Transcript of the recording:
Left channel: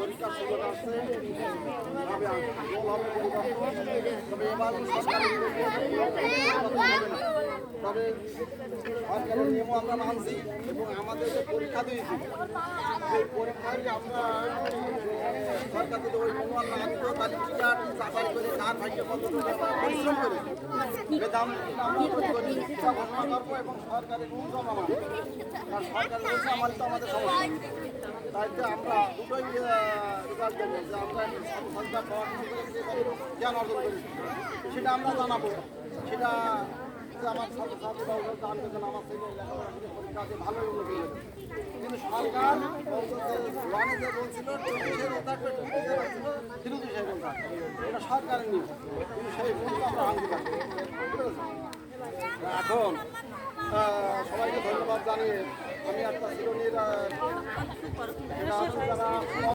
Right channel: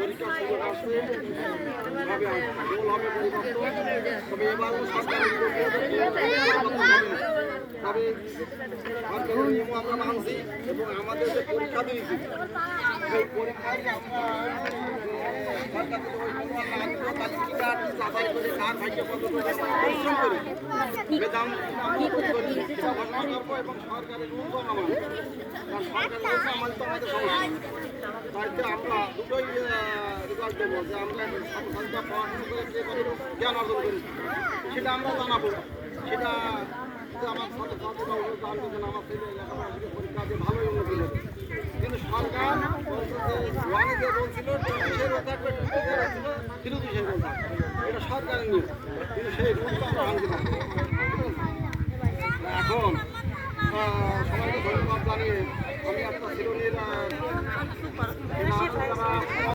পরীক্ষার সুযোগ আসছে, তবে এবারও সরকারের তবে সরকারের নিয়মও আমরা মানছি এবং আমাদের যে পরীক্ষা দিয়েছি সেই পরীক্ষায় আমরা সরকার যদি ওই নিয়ম না আনতো তাহলে টিকা যাচাই করে কার ভাগ্যে পরিশ্রম করে বেদাম করবো এবং সরকারের রুলস মানবো। কারণ সরকারের রুলস মানলে তো আমাদের সমস্যা, তাই আমরা দুটোই রেজাল্ট দেবো যে আমরা সংখ্যা পড়াশোনা করে যে জ্ঞান অর্জন করেছি সেটা আমরা জানাবো। সেটা আমার ছাত্রছাত্রীরা জানতেছেন আমার ছেলে লেখাপড়া পরীক্ষা দিয়ে ভালোই উন্নতি হবে, কিন্তু সরকার ওয়ানে যে বলছিল 20-এর কথা 23-এর কথা এটা সরকারের নিয়ম, কিন্তু সেই রুলটা আমরা ভাঙতে পারি। এখন সবাইকে ধন্যবাদ জানিয়ে আমি একটা চিরনির